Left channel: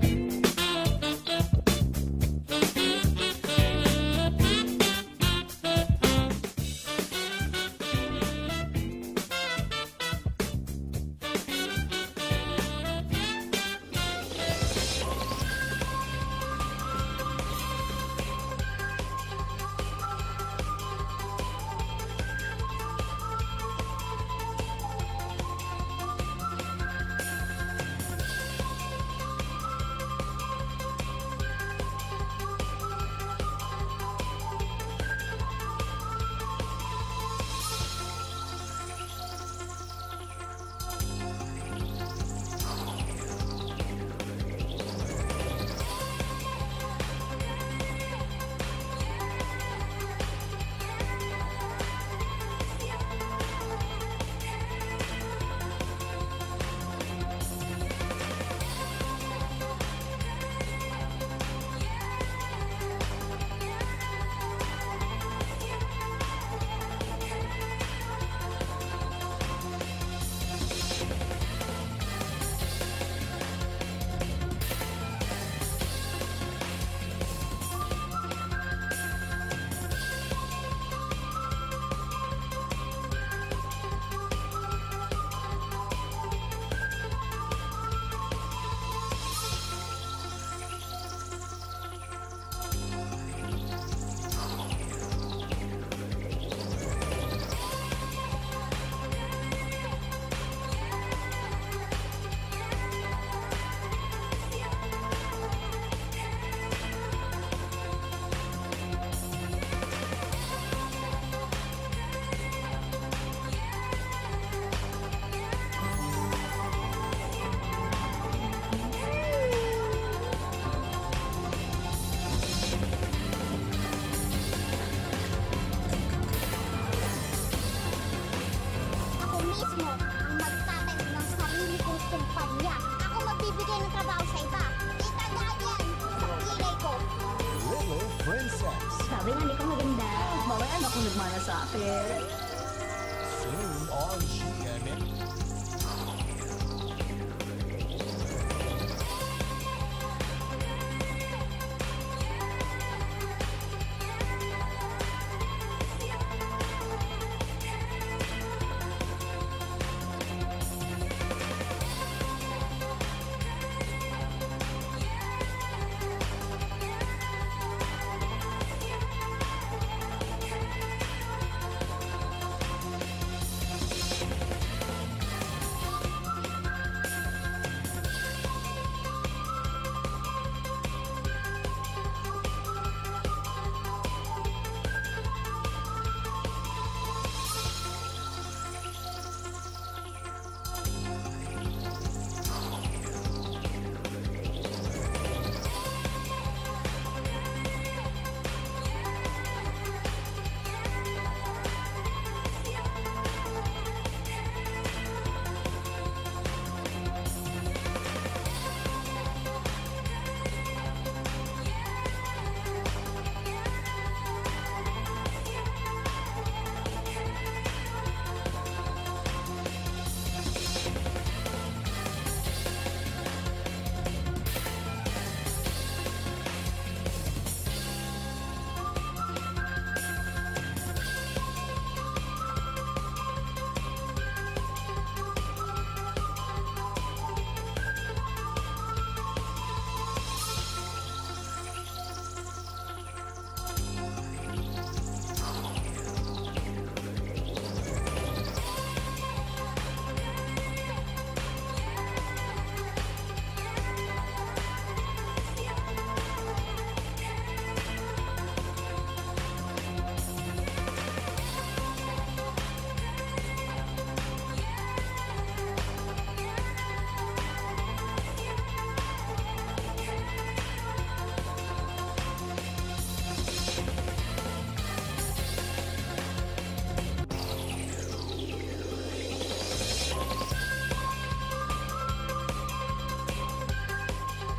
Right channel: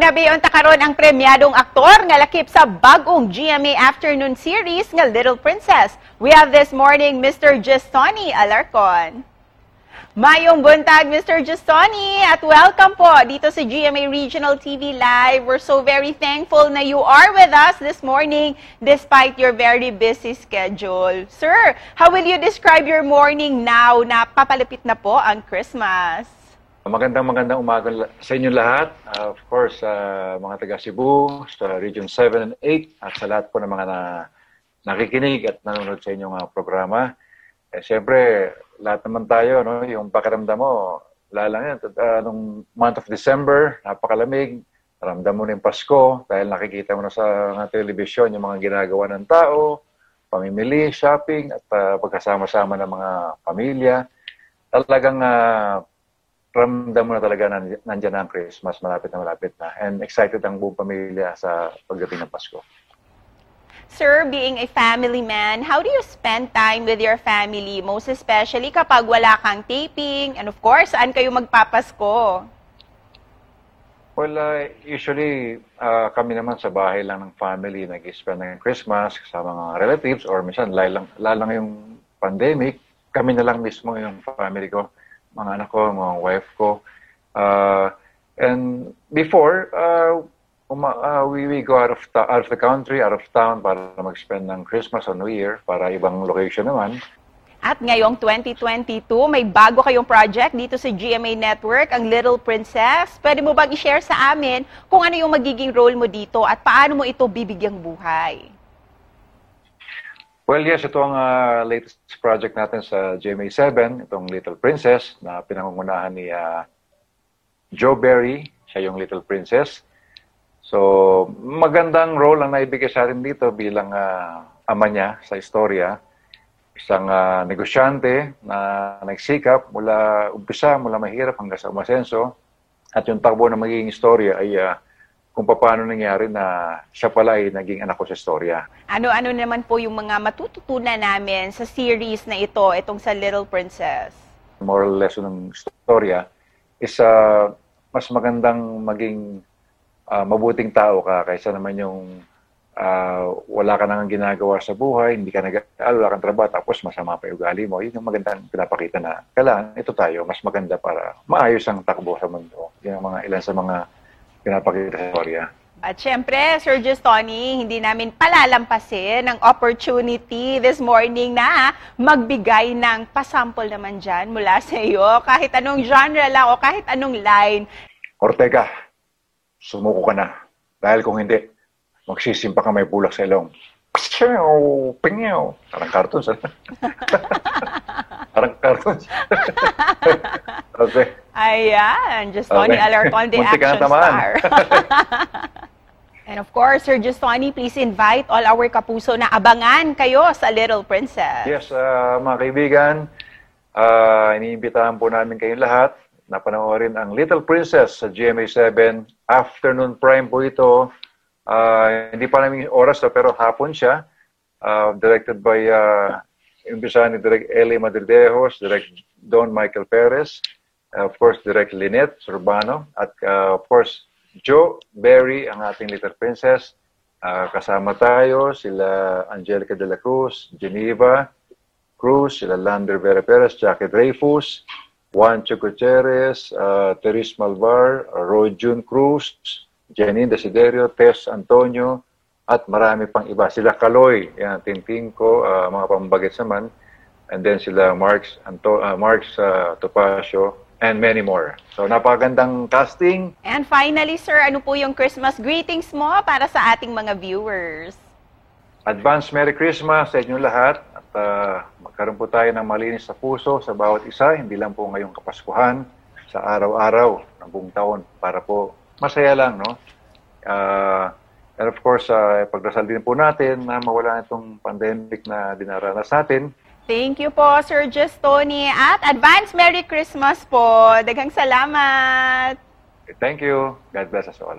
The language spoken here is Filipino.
Ginabayon ta karon ang premyadong aktor nga lakip sa bagong GMA Afternoon series nga Little Princess. We have this morning Mr. Gestoni Alarcon. Mayong buntag, Mr. Gestoni, at welcome po dito sa GMA Regional TV Live. We're so very thankful na you are with us this morning despite your very busy schedule. Sir, how will you describe your morning now na papalapit na po ang Christmas? Magandang umaga sa inyo lahat. Of course, mga taga Cebu, sa Region 7 and 8, at sa lahat po ng mga nakikinig at nanonood sa inyong programa. Siyempre, lahat naman tayo, no? Yung pakiramdam mo, wala lang yan. Nung month of December, napakalamig. Ramdam mo na yung Pasko dahil nakikita mo na sa television yung mga ginagawa ng tao, pamimili, shopping, at pagkasama-sama ng mga pamilya. Talagang ramdam mo na talaga nandiyan na ang Christmas, malapit na. And excited ang buong pamilya sa pagdating ng Pasko. Sir, being a family man, how do you spend time with your family? Most especially kapag wala kang taping, and of course, saan kayo magpapasko? Well, usually, kami naman sa bahay lang ng family nag-spend ng Christmas sa mga relatives, or minsan, lalang yung pandemic, kami na lang mismo yung family ko, mga anak ko, mga wife ko. And before, we go out of the country, out of town para mag-spend ng Christmas o New Year para ibang location naman. At ngayong 2022, may bago kayong project dito sa GMA Network, ang Little Princess. Pwede mo bang i-share sa amin kung ano yung magiging role mo dito at paano mo ito bibigyang buhay? Well, yes, ito ang latest project natin sa GMA 7, itong Little Princess, na pinangungunahan ni Joe Berry, siya yung Little Princess. So, magandang role ang naibigay sa akin dito bilang ama niya sa istorya. Isang negosyante na nagsikap mula umpisa, mula mahirap hanggang sa umasenso. At yung takbo na magiging istorya ay kung paano nangyari na siya pala ay naging anak ko sa istorya. Ano-ano naman po yung mga matututunan namin sa series na ito, itong sa Little Princess? Moral lesson ng istorya is mas magandang maging mabuting tao ka kaysa naman yung wala ka nang ginagawa sa buhay, hindi ka wala kang trabaho, tapos masama pa yung ugali mo. Yun yung maganda pinapakita na kailangan ito tayo, mas maganda para maayos ang takbo sa mundo. Yung ilan sa mga pinapakita sa istorya. At syempre, Sir Gestoni, hindi namin palalampasin ang opportunity this morning na magbigay ng pasample naman dyan mula sa iyo. Kahit anong genre lang o kahit anong line. Ortega, sumuko ka na. Dahil kung hindi, magsisimpa ka may bulak sa ilong. Pingaw. Parang cartoon. Parang cartoon. Okay. Ayan, Gestoni Alarcon, the action star. And of course, Sir Gestoni, please invite all our kapuso na abangan kayo sa Little Princess. Yes, mga kaibigan, iniimbitahan po namin kayong lahat na panoorin ang Little Princess sa GMA 7. Afternoon prime po ito. Hindi pa namin oras pero hapon siya. Directed by imbisa ni Direk Eli Madridejos, Direk Don Michael Perez, of course Direk Lynette Urbano, at of course Joe Berry, ang ating Little Princess. Kasama tayo sila Angelica de la Cruz, Geneva Cruz, sila Lander Vera Perez, Jackie Dreyfus, Juancho Gutierrez, Teres Malvar, Roy June Cruz, Janine Desiderio, Tess Antonio, at marami pang iba. Sila Kaloy, yan, Tintin ko, mga pambagets naman, and then sila Marks Topacio, and many more. So, napakagandang casting. And finally, sir, ano po yung Christmas greetings mo para sa ating mga viewers? Advance Merry Christmas sa inyong lahat. At magkaroon po tayo ng malinis sa puso sa bawat isa, hindi lang po ngayong Kapaskuhan, sa araw-araw, ng buong taon, para po masaya lang, no? And of course, pagdasal din po natin na mawala itong pandemic na dinaranas natin. Thank you po, Sir Gestoni. At advance Merry Christmas po. Daghang salamat. Thank you. God bless us all.